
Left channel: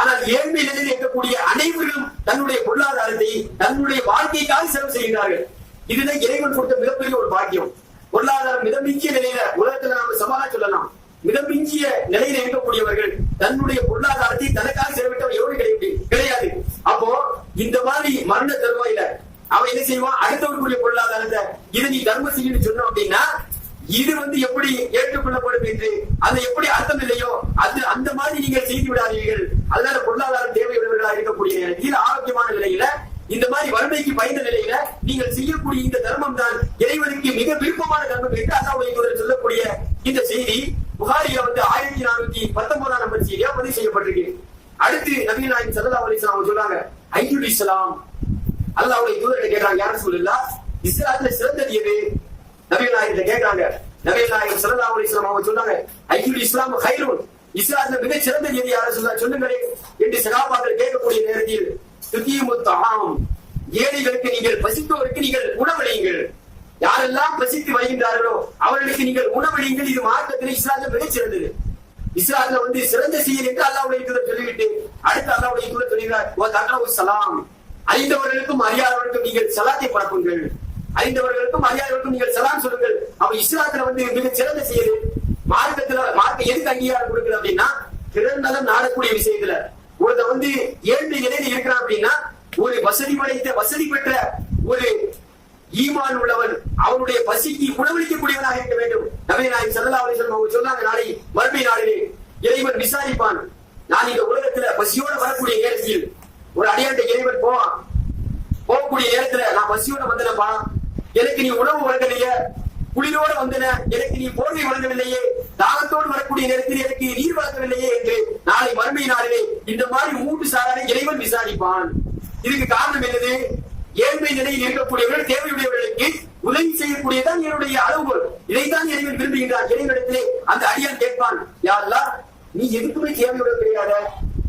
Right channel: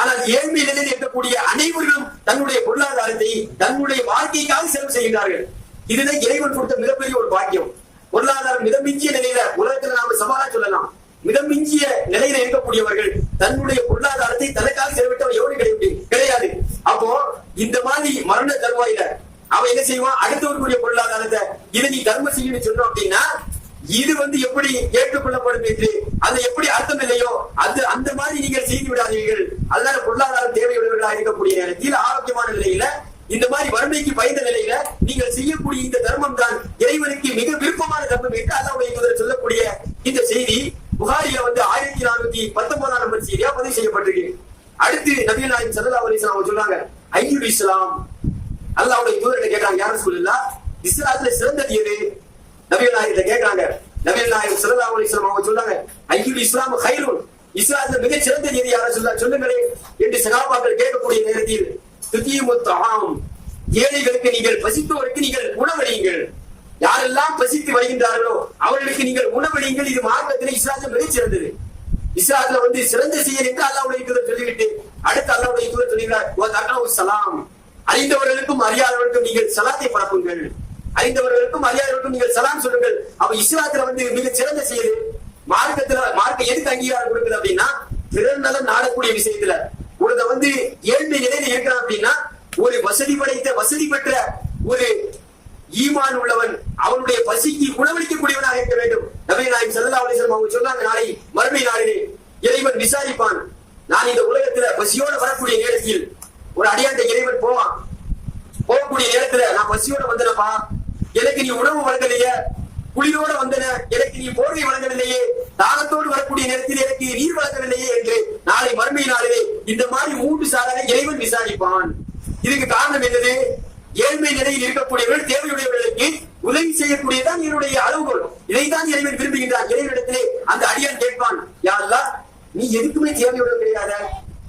ஆனால் ஏழ்மை நிலையில் இருக்கக்கூடிய அனைவரும் தன்னுடைய பொருளாதாரத்தை தன்னுடைய வாழ்க்கைக்காக செலவு செய்கிறார்கள். இதுதான் இறைவன் கொடுத்த மிகப்பெரிய ஒரு பாக்கியம். பொருளாதாரம் மிதமிஞ்சிய நிலையில உலகத்துல நாம சவாலா சொல்லலாம், மிதமிஞ்சிய நிலையில இருக்கக்கூடியவர்கள் தன்னுடைய பொருளாதாரத்தை தனக்காக செலவிட்டவர் எவரும் கிடையாது. அப்போ இந்த மாதிரி மரண தருவாயில அவன் என்ன செய்வான், அடுத்தவர்களுடைய பொருளாதாரத்தை இதை நீ தர்மம் செய்யணும்னு சொன்னோம் அப்படின்னா இது வந்து எப்படி ஏற்றுக்கொள்ளப்படும் என்று அது எப்படி அர்த்தம் இல்லையோ அது அந்த மாதிரி நீங்கள் செய்து விடாதீர்கள். அதனால பொருளாதாரம் தேவையுள்ளவர்களாக இருக்கக்கூடிய நேரத்தில் ஆரோக்கியமான நிலையில இந்த மாதிரி வறுமைக்கு பயந்த நிலையில நீங்கள் செய்யக்கூடிய இந்த தர்மம் தான் இறைவனுக்கு மிக விருப்பமான தர்மம் என்று அல்லாஹ்வுடைய சொல்லக்கூடிய இந்த செய்தி புகாரில வந்து 1419 நம்பர் செய்தியா பதிவு செய்யப்பட்டிருக்கு. அடுத்து நபிகள் நாயகம் ஸல்லல்லாஹு அலைஹி வஸல்லம் சொல்றாங்க, ஐயுல் இஸ்லாம். அல்லாஹ்வுடைய தூதரை கேட்டாங்க, யா ரசூலுல்லாஹ், இஸ்லாத்துல சிறந்தது எது? நபிகள் நாயகத்தை கேட்கிறாங்க. நபிகள் நாயகம் ஸல்லல்லாஹு அலைஹி வஸல்லம் அவங்க சொல்றாங்க, ஐயுல் இஸ்லாம் கைருன், இஸ்லாத்துல மிகச் சிறந்த எது யார சொல்லுங்களேன் என்று சகாபாக்கள் கேட்கக்கூடிய நேரத்தில் துகீமுத்தாம், ஏழைகளுக்கு நீங்கள், பசித்தோருக்கு நீங்கள் உணவளியுங்கள். யாரெல்லாம் பசித்து வருகின்றார்களோ அவர்களுக்கு நீங்கள் உணவளியுங்கள். இது மார்க்கத்தில் இஸ்லாத்துல மிகச் சிறந்தது. இஸ்லாத்துல சிறந்த செயல் என்று அல்லாஹ்வுடைய தூதர் சொல்லிவிட்டு அடுத்து அல்லாஹ்வுடைய தூதர் சொல்கிறார், சலாம், அறிந்தவர்களுக்கும் அறியாதவர்களுக்கும் நீங்கள் சலாத்தை பரப்புங்கள். அறிந்தவர்களுக்கும் அறியாதவர்களுக்கும் நீங்கள் சலாம் சொல்லுங்கள். அப்ப இஸ்லாத்துல மிக சிறந்த செயல். மார்க்க எதுக்கு அங்கீகாரம் கொடுக்குது அப்படின்னா, பிறர் நலம் நாடக்கூடிய விஷயத்துல ஒருத்த ஏழ்மை நிலையில இருக்கிறான் அப்படின்னா, ஒரு வசதி படைத்த வசதி பெற்ற ஒரு ஈமான் உள்ளவன் அவனுடைய பசிக்கு உணவளிக்கக்கூடியவனாக இருக்க வேண்டும். நபி நாயகம் ஸல்லல்லாஹு அலைஹி வஸல்லம் அவங்க சொன்னாங்க, நாளை மறுமை நாளிலே இறைவன் விசாரிப்பான். நான் இந்த உலகத்துல பசியோட வரக்கூடிய நேரத்தில் ஒரு அடியாண்ட இறைவன் போவான். போகக்கூடிய நேரத்துல நான் பசியோட வந்தனப்பா, எனக்கு நீ உணவு வழங்கலையே, குளிரோட வந்தன, எனக்கு நீ போர்வை வழங்கவில்லையே, தாகத்தோடு வரக்கூடிய நேரத்தில் எனக்கு நீர் வழங்கவில்லையே என்று நாளை மறுமை நாளிலே இந்த மாதிரி 3 சாராரை இறைவன் விசாரிப்பான். இதுக்கு காரணம் என்னது? ஏழ்மை நிலையில் இருக்கக்கூடியவர்கள், தேவையுடையவர்களுக்கு உதவி செய்யக்கூடியதான் என்னுடைய அளவுகோல். இதைத்தான் இறைவன் விரும்புகின்றார். இறைவனிடத்திலே அந்த அடியான் கேட்பான், யா அல்லாஹ், நீ எதுக்குமே தேவையுடன் கிடையாது,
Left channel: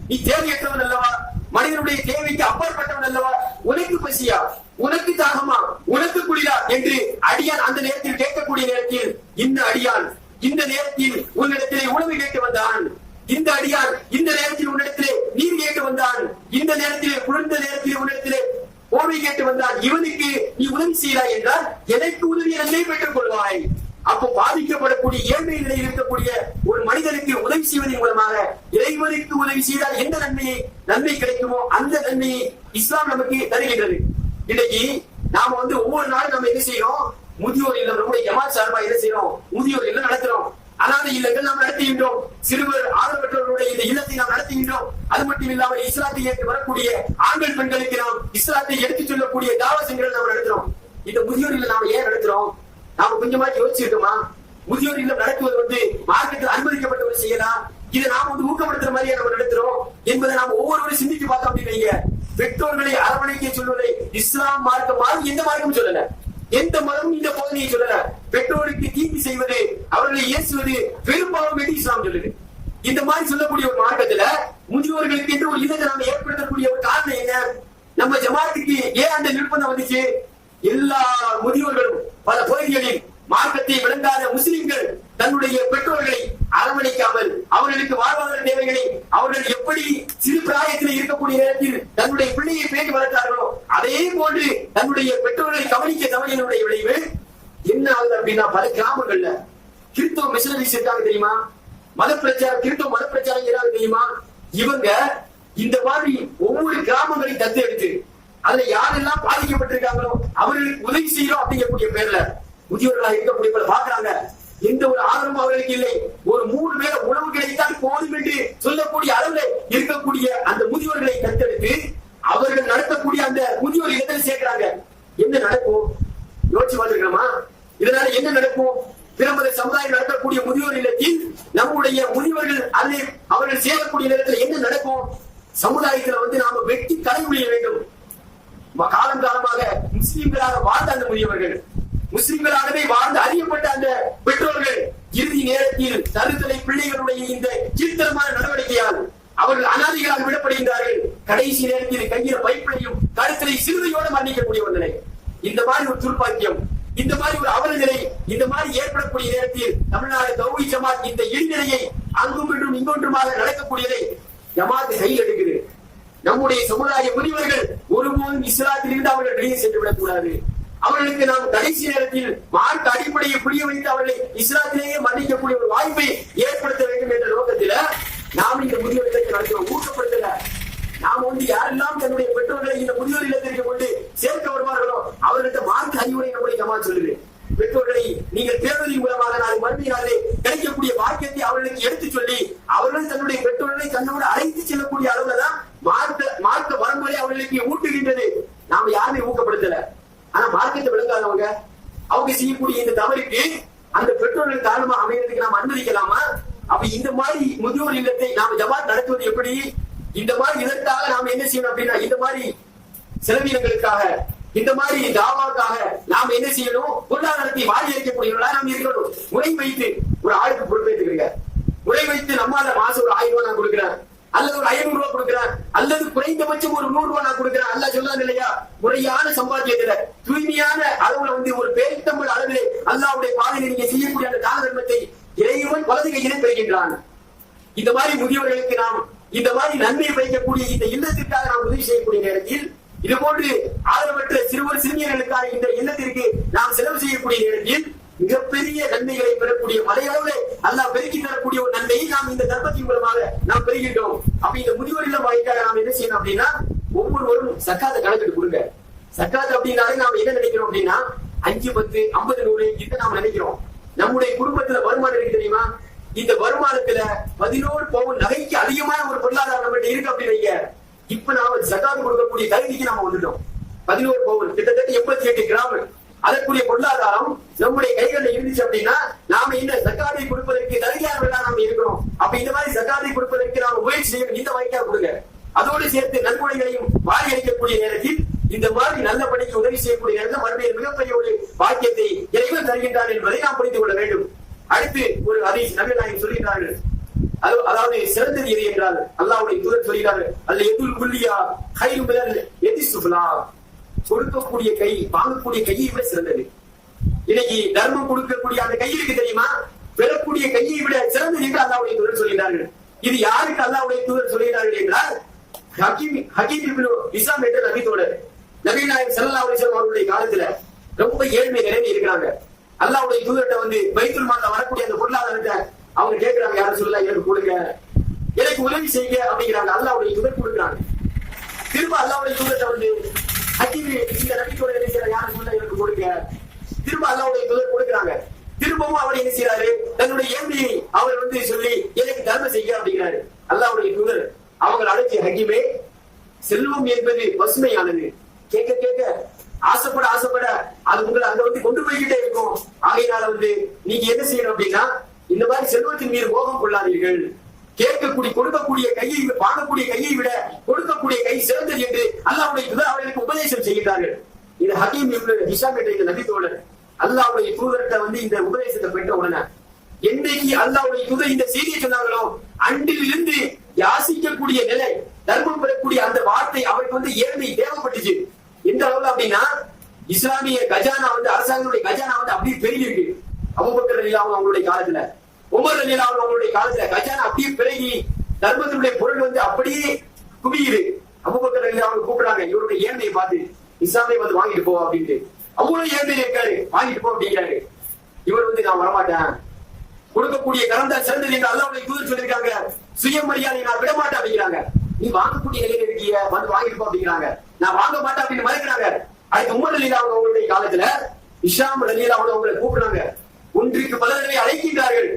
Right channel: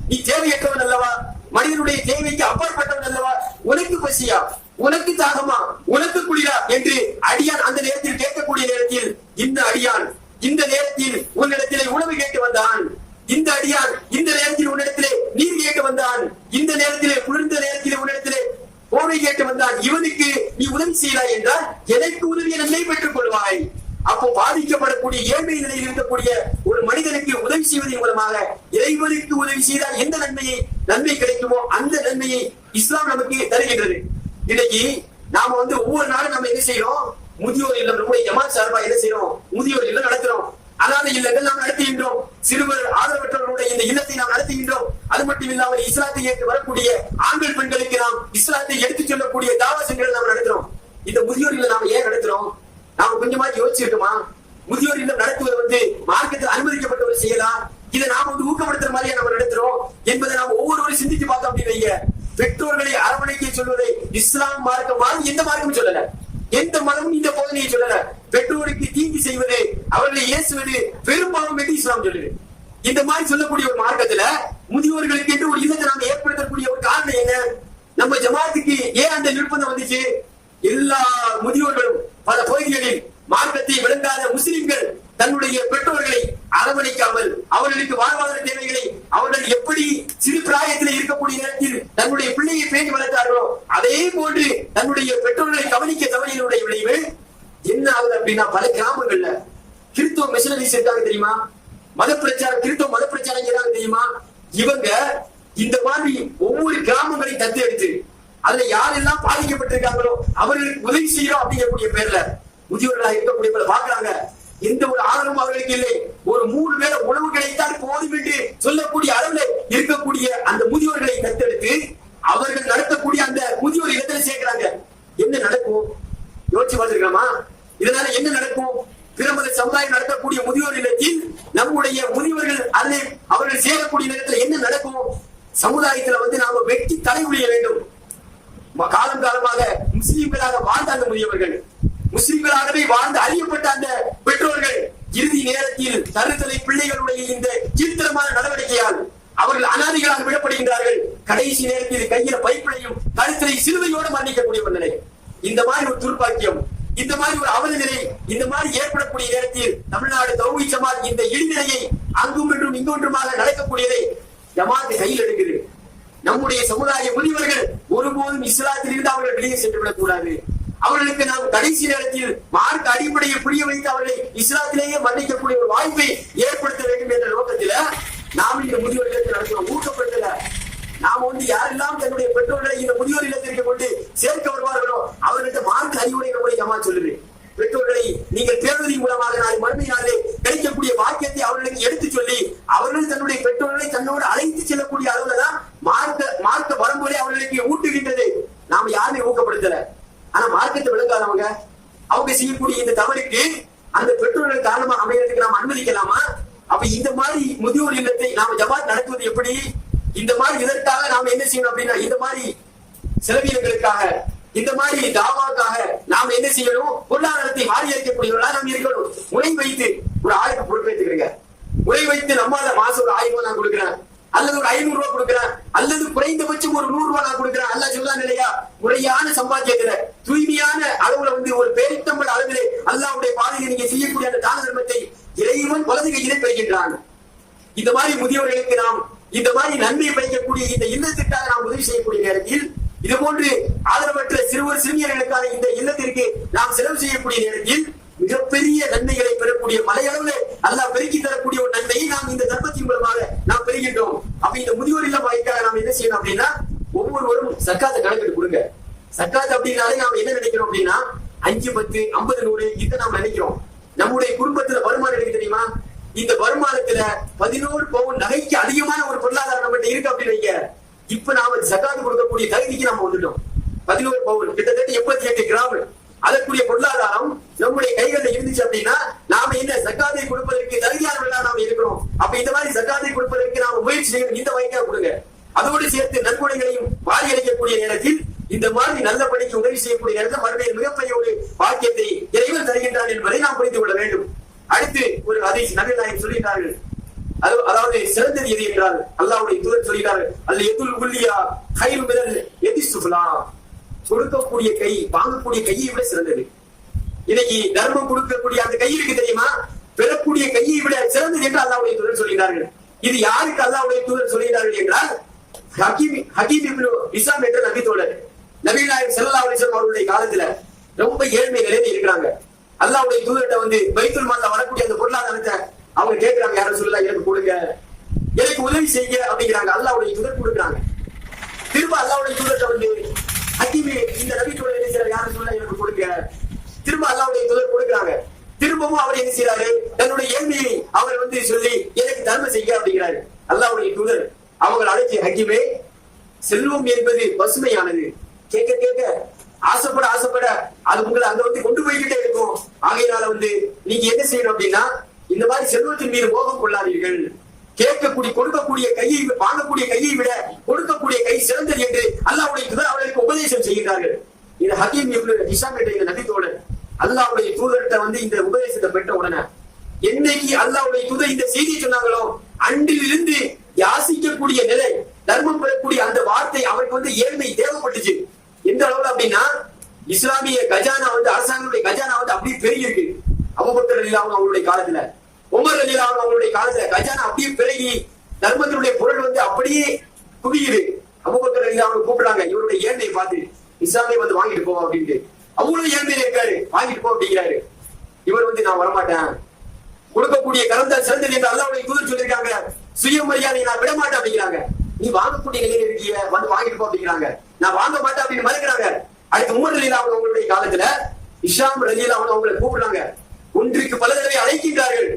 நீ தேவையற்றவன் அல்லவா, மனிதனுடைய தேவைக்கு அப்பாற்பட்டவன் அல்லவா, உனக்கு பசியா, உனக்கு தாகமா, உனக்கு குளிரா என்று அடியான் அந்த நேரத்தில் கேட்கக்கூடிய நேரத்தில் இந்த அடியான் இந்த நேரத்தில் உன்னிடத்திலே உணவு கேட்டு வந்தான், இந்த அடியான் இந்த நேரத்தில் உன்னிடத்திலே நீர் கேட்டு வந்தான், இந்த நேரத்திலே குளிர்ந்த நேரத்திலே உன்னிடத்திலே போர்வை கேட்டு வந்தான், இவனுக்கு நீ உதவி செய்யலாம் என்றால் எனக்கு உதவியை நன்மை பெற்றுக் கொள்வாய். அப்போ பாதிக்கப்படக்கூடிய ஏழ்மை நிலையில் இருக்கக்கூடிய ஒரு மனிதனுக்கு உதவி செய்வதன் மூலமாக இறைவனுக்கு உதவி செய்தால் எந்த நன்மை கிடைக்குமோ அந்த நன்மையை இஸ்லாம் நமக்கு தருகின்றது. இன்னைக்கு நாம ஒவ்வொரு நாளும் நம்ம என்ன செய்யறோம்? முதியோர் இல்லம், நம்முடைய ஜமாத் சார்பா என்ன செய்யறோம்? முதியோர் இல்லம் நடத்துறோம். அனாதை இல்லங்கள் நாம் நடத்துகின்றோம். சிறுவர் ஆதரவற்றவர்களுடைய இந்த இல்லத்தை நாம் நடத்துகின்றோம். அது மட்டும் இல்லாமல் இஸ்லாத்தை ஏற்று வரக்கூடிய ஆண்கள் பெண்களுக்கு நாம் இஸ்லாத்தை எடுத்துச் சொல்லக்கூடிய தாவா சென்டர்கள் நாம் நடத்துறோம். இந்த முதியோர் இல்லம் நாம் ஏன் நடத்துறோம்? நாம கொஞ்சமா யோசிச்சிருக்கோமா? முதியோர் இல்லம் நடத்துவது மார்க்கத்தில் அனுமதிக்கப்பட்ட ஒரு செயலா? இதை நாம ஊக்கப்படுத்துற மாதிரியா நம்ம நடத்துறோம் என்பதை நாம் ஒவ்வொருவரும் சிந்திச்சு பார்த்தோம் அப்படின்னு. பெற்றோர்களை அரவணைக்க சொல்வதை இஸ்லாம் மார்க்கம் எந்த மார்க்கமும் சொல்லல, எந்த மதமும் இந்த போதனையை சொல்லல. பெற்றோருக்கு தீங்கு செய்வது, அவர்களை ஏசுவது பெரும்பாலும் என்று இஸ்லாம் சொல்லுது. இந்த மாதிரி சொல்லக்கூடிய ஒரு மார்க்கத்துல முதியோர்களுக்கு என்று ஒரு இதத்தை நாம ஏற்படுத்தக்கூடிய ஒரு காரணம் என்ன? நம்ம ஜமாத்துக்கு ஏன் அந்த நிர்பந்தம் வந்துச்சு? எல்லா முதியோர்களும் பல பகுதிகளில் மார்க்கத்தை விளங்காத முஸ்லிம்கள் தன்னுடைய பெற்றோர்களை அரவணைக்காமல் அவர்களுக்கு வாழ்வாதார தேவைகளை அவர்கள் எப்படி சிறு பிராயத்தில் இருக்கக்கூடிய நேரத்தில் தன்னுடைய பிள்ளையை பேணி வளர்த்தார்களோ அதே போன்று தன்னுடைய பெற்றோர்களை கவனிக்க தவறினுடைய விளைவு என்ன ஆகுது அப்படின்னா, பல கிராமங்கள்ல கிறிஸ்தவ மிஷனரிஸ் இருக்காங்க தெரியுமா? கிறிஸ்தவ மத பிரச்சாரம் செய்றாங்க தெரியுமா? இவங்க இந்த மாதிரி ஒவ்வொரு கிராமங்களையும் தத்தெடுத்து அதுல யாரெல்லாம் பாதிக்கப்பட்டிருக்காங்களோ அவர்களுக்கு உதவி செய்யறோம் அப்படிங்கக்கூடிய பேர்ல முதியோர்களாக இருக்கக்கூடிய பாக்குறாங்க. எந்த ஒரு ஆதரவும் அவர்களுக்கு இல்லை. ஒரு 3 வேளை உணவு கிடைத்தால் போதும் என்று சொல்லக்கூடிய அளவுல இருக்கக்கூடிய அந்த முதியோர்களை தத்தெடுத்து அவர்கள் நடத்தக்கூடிய அந்த முதியோர் இடத்துல சேர்க்கிறாங்க. என்ன நடக்கும்? யோசிச்சு பார்த்திருக்கலாமா? இதனால என்ன நடக்கும்? பிரமத சமுதாயம் நடத்தக்கூடிய முதியோர் இல்லத்தில் நம்முடைய முதியோர்கள் அதில் அவர்கள் சேரக்கூடிய நேரத்தில் என்ன நடக்கும்? சமுதாயத்துல நாம வெட்டி தலைமுடிய வேண்டும். காலம் காலமாக முஸ்லிம்களாக வாழ்ந்த அந்த முதியவர்கள், முஸ்லிம்களாகவே வாழ்ந்து அறியப்பட்ட அந்த பெற்றோர்கள் இறுதி நேரத்தில் தருதலை பிள்ளைகளுடைய இந்த கீழ்த்தரமான நடவடிக்கையால் அவர்கள் அனாதைகளாக விடப்படுகின்றார்கள். கடைசி நேரத்தில் கையில பைப்பிலையும் கழுத்திலை சிலுவையோடு மரணிக்கக்கூடிய ஒரு நிலை. இந்த மாதிரி ஒரு துர்ப்பாக்கியம், இந்த மாதிரி ஒரு அவல நிலை, இந்த மாதிரி ஏற்படக்கூடிய நேரத்தில் தமிழ்நாடு தௌஹீத் ஜமாத் இந்த இழிநிலையை அங்கும் இன்றும் இங்கொன்றுமாக நடக்கக்கூடியதை ஜமாத் கையில் எடுக்குது. நம்முடைய சமுதாய முதியவர்கள் ஒருபோதும் இஸ்லாத்தில் இருந்து அவர்கள் வெளியே சென்று விடக் கூடாது. அவர்களுக்கு நாம் கடைசி நேரத்தில் மார்க்க அடிப்படையை புரிய வைத்து அவர்களை இஸ்லாத்திலேயே மன்னிக்கக்கூடிய ஒரு வாய்ப்பை ஏற்படுத்த வேண்டும் என்ற நோக்கத்தில் நாம் இந்த முதியோர் இல்லத்தை நடத்துவோம். ஊக்கப்படுத்தல. நாம் யாரெல்லாம் தன்னுடைய பெற்றோர்களை இந்த முதியோர் இல்லத்திற்கு கொண்டு சேர்க்க வருவார்களோ அவர்கள்ட்ட மார்க்க அறிவுரை நம்முடைய ஜமாத் சொல்லுது. பெற்றோர்களை நீங்கள் பேருவதன் மூலமாக நாளை மறுமை நாளிலே கிடைக்கக்கூடிய வாக்கியத்தை அவர்களுக்கு எடுத்து சொல்லி அவர்கள் தன்னுடைய பெற்றோர்களை தன்னோடு அழைத்து செல்லக்கூடிய அளவுல தான் மார்க்க வரம்புகளை அவர்களுக்கு ஊட்டுகின்றது. நாம யாருமே ஊக்கப்படுத்தல. ஆனா மார்க்கத்தை விளங்காதவங்க அவங்க செய்யக்கூடிய இந்த தவறுக்கு அந்த பெற்றோர்கள் காரணமா அமைகிறதுக்கு நாம் அனுமதிக்கலாமா? அப்ப இந்த மாதிரி முதியோர் இல்லத்தை நாம ஜமாத் நடத்துவது எப்படி? இந்த மாதிரி இதற்காக நாம என்ன செய்யணும் அப்படின்னா, இந்த மாதிரி செலவீனங்களுக்காக, இந்த மாதிரி தாவாவுக்காக நாம் என்ன செய்யணும்? பொருளாதாரத்தை வாரி அளிக்கக்கூடியவர்களா நாம் இருக்கணும். முறை வைத்து ஒரு ஆளுக்கு பொறுப்பேற்றுக்கிறீங்க. முறை வைத்து நம்மால மாசம் ஒரு 1000 ரூபாய் நான் கொடுக்கிறேன், அல்லது ஒரு 500 ரூபாய் கொடுக்கிறேன், அல்லது குறைந்தபட்சம் ஒரு 100 ரூபாய் நான் கொடுக்கிறேன். அல்ல சொல்றான் இல்லையா, முறையான சம்பாத்தியத்துல தூய்மையான அளவுல ஒரு பேரித்தம்பள் அளவிலே அல்லாஹ்வுடைய பாதையில நீங்க செய்யக்கூடிய அந்த தான தர்மத்தை இறைவன் வலது கையிலே பெறுகின்றான். இந்த மாதிரி முதியவர்களுக்கு நாம் இந்த மாதிரி நன்மை வைக்கக்கூடிய இந்த இல்லத்திற்காக நாம் உதவி செய்யக்கூடிய நேரத்தில், இது போன்று ஆதரவற்ற சிறுவர் சிறுமியர்களுக்கான இந்த இல்லத்திற்கு நாம் செலவு செய்யக்கூடிய நேரத்தில் மிகப்பெரிய நன்மைகளை பெறக்கூடிய மலையளவு அல்லாஹ் பெருக்கி தரக்கூடிய ஒரு நன்மையை நாம் இந்த தர்மத்தின் மூலமாக நாம் பெறுகின்றோம். அப்ப இந்த முதியோர் இல்லம் வாய்க்காக நாம் என்ன செய்யணும் அப்படின்னா, ஒவ்வொருவரும் சக்காத்தை கணக்கிட்டு கொடுங்க. சக்காத் அப்படின்னாலே நாம் என்ன நினைக்கிறோம் அப்படின்னா 5, 10, 50, 100 இதை நாம் நினைக்கிறோம். நம்முடைய குடும்பத்துல வருமானம் இருக்கு தெரியுமா, இந்த வருமானத்துல 11 பவுன் நகைக்கு அதிகமான ஒரு பொருளாதாரம் நம்ம இருக்கு அப்படின்னு இப்ப நாம சக்காத்து கொடுக்கக்கூடிய தகுதிக்கு நாம வந்துட்டோம். 11 பவுன் கிட்டத்தட்ட 88 கிராம் அதற்குரிய பொருளாதாரம் நம்முடைய கைகளில் இருந்துச்சு அப்படின்னா நாம இந்த சக்காத்தை கொடுப்பதற்கு தகுதியானவர்களா நாம இருக்கிறோம். அப்ப இந்த மாதிரி சக்காத்தை கொடுப்பதற்கு நாம முயற்சி செய்யணும். இந்த வாய்க்கா கொடுங்க. அதோடு சேர்த்து நன்கொடைகளையும் வாரி அளிக்கக்கூடிய நேரத்தில் இந்த மாதிரி நல்ல பணிக்கு உதவி செய்யக்கூடிய நேரத்தில் மறுபடியும் மிகப்பெரிய ஒரு பாக்கியத்தை இறைவன் தருகின்றான் என்பதை நாம் புரிந்து கொள்ள வேண்டும். அடுத்து ஒரு ஹதீஸ் நபிகள் நாயகம் சொல்கிறார்கள், அதாவது சிறந்தது எது என்றால் அல்லாஹ்வுடைய தூதர் சொல்கிறார்கள், அல்ல எதுல் குல்லியா கைரு மினல் யதி சுஃப்லா, கொடுக்கக்கூடிய கை வாங்கக்கூடிய கையை விட சிறந்தது. இன்னைக்கு தர்மம் கொடுக்கக்கூடிய அந்த கை இருக்கு தெரியுமா, பெறக்கூடிய கையை விட சிறந்தது என்று அல்லாஹ்வுடைய தூதர் சொல்கிறார்கள். இது யாருக்கு அல்லாஹ்வுடைய தூதர் சொல்கிறார்கள் என்றால் ஹக்கீம் இப்னு ஹிஸாம் என்ற நபி தோழர், நபி நாயகம் ஸல்லல்லாஹு அலைஹி வஸல்லம் அவருடைய காலத்துல ரொம்ப ஏழ்மை நிலையில இருக்கிறாங்க. அல்லாஹ்வுடைய தூதர்கிட்ட பைத்துல் மால்ல வரக்கூடிய அந்த பொருளாதாரத்தை அவங்க கேட்கிறாங்க, யாரும் சொல்லலாம் எனக்கு கொடுங்க, எனக்கு உதவி செய்ய அப்படிங்கிறாங்க. அல்லாஹ்வுடைய தூதர் கொடுக்குறாங்க. திரும்ப அல்லாஹ்வுடைய தூதர்கிட்ட ஹக்கீம் இந்த நபி தோழர் என்ன செய்யறாரு, யாரும் சொல்லலாம் எனக்கு கொடுங்க. திரும்ப அல்லாஹ்வுடைய தூதர் கொடுக்குறாங்க. திரும்பவும் அவர் என்ன செய்யறாரு, தன்னுடைய ஏழ்மையை அவர் சொல்லி எனக்கு தர்மம் செய்ய அப்படிங்கிறாரு. அல்லாஹ்வுடைய தூதர் அவங்க அழைச்சி, ஹக்கீமே, செல்வம் என்பது பசுமையானது, கேட்க கேட்க ஆசைப்பட ஆசைப்பட அது உங்களை அங்க கொண்டு போய்கிட்டே இருக்கும். ஆகையினால நீங்க என்ன செய்யணும் அப்படின்னா, இந்த மாதிரி செல்வத்தின் மீது மோகம் கொள்ளாதீர்கள். கொடுக்கக்கூடிய கையை வாங்கக்கூடிய கையை விட கொடுக்கக்கூடிய கை சிறந்தது என்று அல்லாஹ்வுடைய தூதர் அவர்களுக்கு உபதேசம் செய்கிறார்கள். இது ஹக்கீம் இப்னு ஹிஸாம் என்ற இந்த நபி தோழர் அல்லாஹ்வுடைய தூதர்கிட்ட இந்த உபதேசத்தை பெற்ற உடனே என்னைக்கு அல்லாஹ்வுடைய தூதர் இந்த செய்தியை சொன்னாங்களோ அன்றில் இருந்து யாசிக்கக்கூடிய நிலை, தர்மம் பெறக்கூடிய அந்த வார்த்தை அவருக்கு ஏழ்மை தேவைப்பட்டுச்சு. எந்த அளவுல அப்படின்னா, இஸ்லாமிய கஜானா அரசாங்கத்துடைய கஜானா அப்படியே பெருகி இருக்கு. அபூபக்கர் ரலியல்லாஹு அன்ஹு அவங்களுடைய காலத்துல, உமர் ரலியல்லாஹு அன்ஹு அவங்களுடைய காலத்துல கஜானா அப்படியே பெருகி தர்மத்தினுடைய பொருள் அப்படியே குவியுது. அபூபக்கர் ரலியல்லாஹு அன்ஹு கூப்பிடுறாங்க, இவருடைய ஏழ்மையை பார்த்து, இஸ்லாமை வாங்கிட்டு போ அப்படின்ட்டு. அவ்வளவு ஏழ்மையில இருக்காரு, வாங்கிட்டு போ அப்படிங்கிறாரு. இவர் நான் வரமாட்டேன், கொடுக்கக்கூடிய கரம் தான் சிறந்தது என்று அல்லாஹ்வுடைய தூதர் சொல்லியிருக்காங்க. சுயமரியாதை நான் விட மாட்டேன் அப்படிங்கிறாங்க. நீ வாங்கக்கூடிய நிலையில இருக்கிய வாங்கிட்டு போ அப்படிங்கிறாங்க. நான் வாங்க மாட்டேன் அப்படின்னு மறுக்கிறாங்க. அடுத்து உமர் ரலியல்லாஹு அன்ஹு அவங்களுடைய காலத்துல ஹிஷாம் ரலியல்லாஹு அன்ஹு அவங்களை கூப்பிடுறாங்க. ஒன்றுக்கு பல தடவை அழைக்கின்றார்கள்.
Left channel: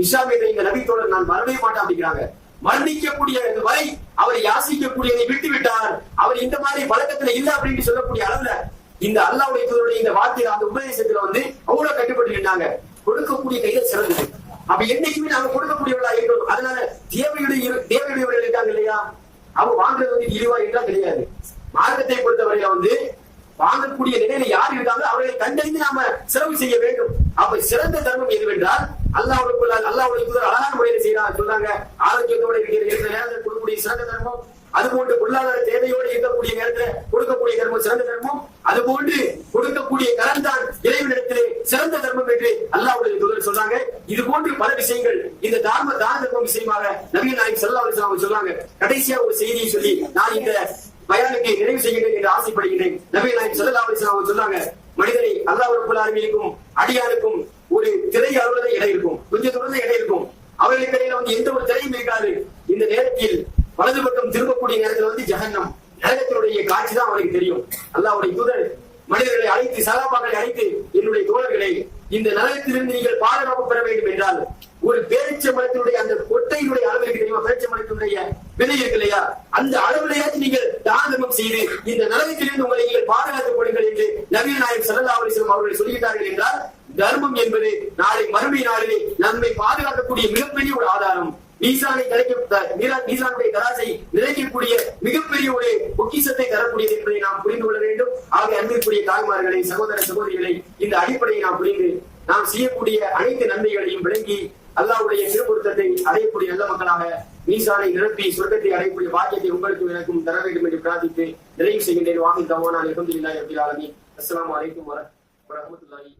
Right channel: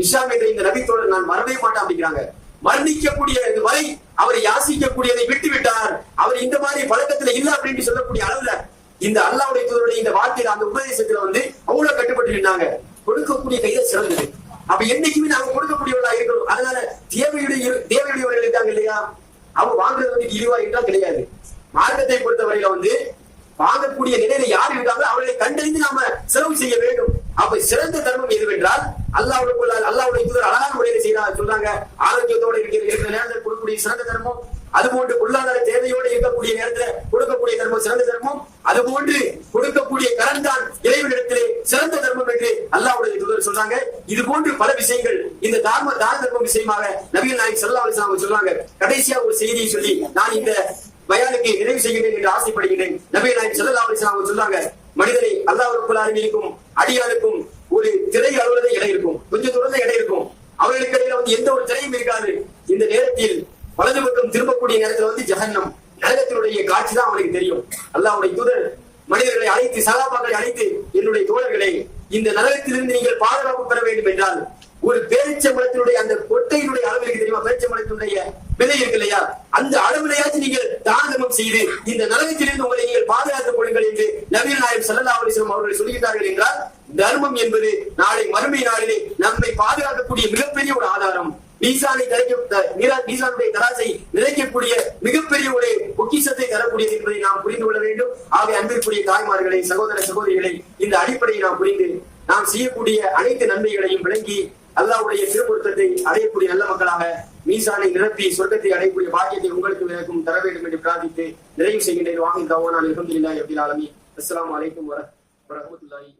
ஹிஷாம் என்ற இந்த நபி தோழர் நான் மறவே மாட்டேன் அப்படிங்கிறாங்க. மரணிக்கக்கூடிய வரை அவரை யாசிக்கக்கூடியதை விட்டு விட்டார். அவர் இந்த மாதிரி பழக்கத்துல இல்ல அப்படின்னு சொல்லக்கூடிய அளவுல இந்த அல்லாஹ்வுடைய தூதருடைய இந்த வார்த்தையில அந்த உபதேசத்துல அவ்வளவு கட்டுப்பட்டு இருந்தாங்க. கொடுக்கக்கூடிய கையில சிறந்தது. அப்ப என்னைக்குமே நாங்க கொடுக்கக்கூடியவர்களா இருக்கணும். அதனால தேவையுடையவர்கள் இருக்காங்க இல்லையா, அவங்க வாங்குறது இழிவா என்றால் கிடையாது. மார்க்கத்தை பொறுத்தவரையில வாங்கக்கூடிய நிலையில யார் இருக்காங்களோ அவர்களை கண்டறிந்து நாம செலவு செய்ய வேண்டும். அப்ப சிறந்த தர்மம் எதுவென்றால் அல்லாஹ்வுடைய தூதர் அழகான முறையில செய்யறாங்க, சொல்றாங்க. ஆரோக்கியத்தோட இருக்கிற நேரத்தில் கொடுக்கக்கூடிய சிறந்த தர்மம், அதுபோன்று பொருளாதார தேவையோடு இருக்கக்கூடிய நேரத்தில் கொடுக்கக்கூடிய தர்மம் சிறந்த தர்மம், அதுபோன்று கொடுக்கக்கூடிய கடன் தான் இறைவனிடத்திலே சிறந்த தர்மம் என்று அல்லாஹ்வுடைய தூதர் சொல்றாங்க. இது போன்று பல விஷயங்கள் இந்த தான தர்மம் விஷயமாக நபிகள் நாயகம் ஸல்லல்லாஹு அலைஹி வஸல்லம் சொல்றாங்க. கடைசியா ஒரு செய்தியை சொல்லி நான் இந்த பயானுக்கு நிறைவு செய்கிறேன் என்று ஆசைப்படுகிறேன். நபிகள் நாயகம் ஸல்லல்லாஹு அலைஹி வஸல்லம் சொல்றாங்க, மனிதனை அல்லாஹ் ரப்பல் ஆலமீனுக்கும் அடியானுக்கும் ஒரு திரை அளவுல இடம் இருக்கும், கொஞ்சம் தூரம் இடம் இருக்கும். அவர்களுக்கு இடையில எந்த ஒரு திரையும் இருக்காது. இந்த நேரத்தில் வலது பக்கம் திரும்பக்கூடிய நேரத்தில் ஜஹன்னம் நரகத்தினுடைய காட்சி தான் அவனுக்கு தெரியும். அல்லாஹ்வுடைய தூதர் மனிதர்களை அழைத்து, சகாபாக்களை அழைத்து, என்னுடைய தோழர்களை, இந்த நரகத்திலிருந்து நீங்கள் பாதுகாப்பு பெற வேண்டும் என்றால் ஒரு பேரிச்சம்பழத்தினுடைய அந்த கொட்டையினுடைய அளவு இருக்கு தெரியுமா, பேரிச்சம்பழத்தினுடைய விலை இருக்கு இல்லையா, அந்த அளவிலையாச்சும் நீங்கள் தானம் செய்து இந்த நரகத்திலிருந்து உங்களை நீங்கள் பாதுகாத்துக் கொள்ளுங்கள் என்று நபிகள் நாயகம் ஸல்லல்லாஹு அலைஹி வஸல்லம் அவர்கள் சொல்கிறார்கள் என்றால், தர்மம் என்பது நாளை மறுமை நாளிலே நம்மை பாதுகாக்கக்கூடிய மிகப்பெரிய ஒரு ஆதாரம். மீசானுடைய தராசை நிறைக்கக்கூடிய மிகப்பெரிய ஒரு பொக்கிஷத்தை தரக்கூடியது என்பதை நாம் புரிந்து கொள்ள வேண்டும். ஆக அன்பிற்குரிய தாய்மார்களை, சகோதர சகோதரிகளை, இந்த அடிப்படையை நாம் புரிந்து நாம் செய்யக்கூடிய அனைத்து நன்மைகளையும் விளங்கி அல்லாஹ்வுடைய திருப்பொருத்தத்தை அடையக்கூடிய நல்ல மக்களாக மீசானை நிரப்பி சொர்க்கத்தை அடையக்கூடிய பாக்கியத்தை உங்களுக்கும் எனக்கும் தர வேண்டும் என்று பிரார்த்தித்து நிறைவு செய்கின்றேன். வாஹித் தஅவானா அல்ஹம்துலில்லாஹி ரப்பில் ஆலமீன். அஸ்ஸலாமு அலைக்கும் வரஹ்மத்துல்லாஹி